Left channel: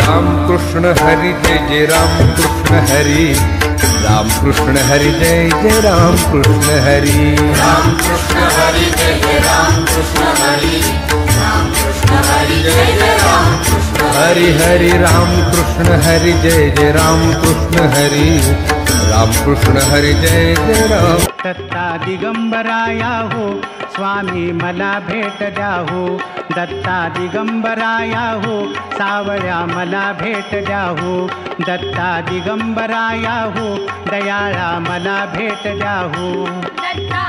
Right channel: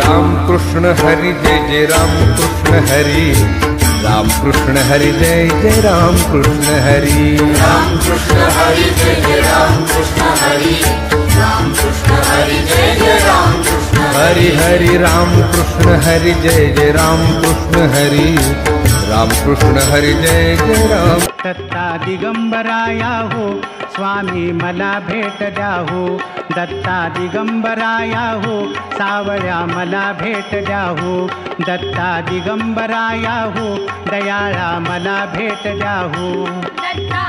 राम कृष्ण हरी जय जय राम कृष्ण हरी, राम कृष्ण हरी जय जय राम कृष्ण हरी, राम कृष्ण हरी जय जय राम कृष्ण हरी, राम कृष्ण हरी जय जय राम कृष्ण हरी हरी राम कृष्ण हरी जय जय राम कृष्ण हरी, राम कृष्ण हरी जय जय राम। दत्ता दिगंबराया हो स्वामी मला भेट द्या हो, दत्ता दिगंबराया हो सावळ्या मला भेट द्या हो, दत्ता दिगंबराया हो दयाळा मला भेट द्या हो, दत्ता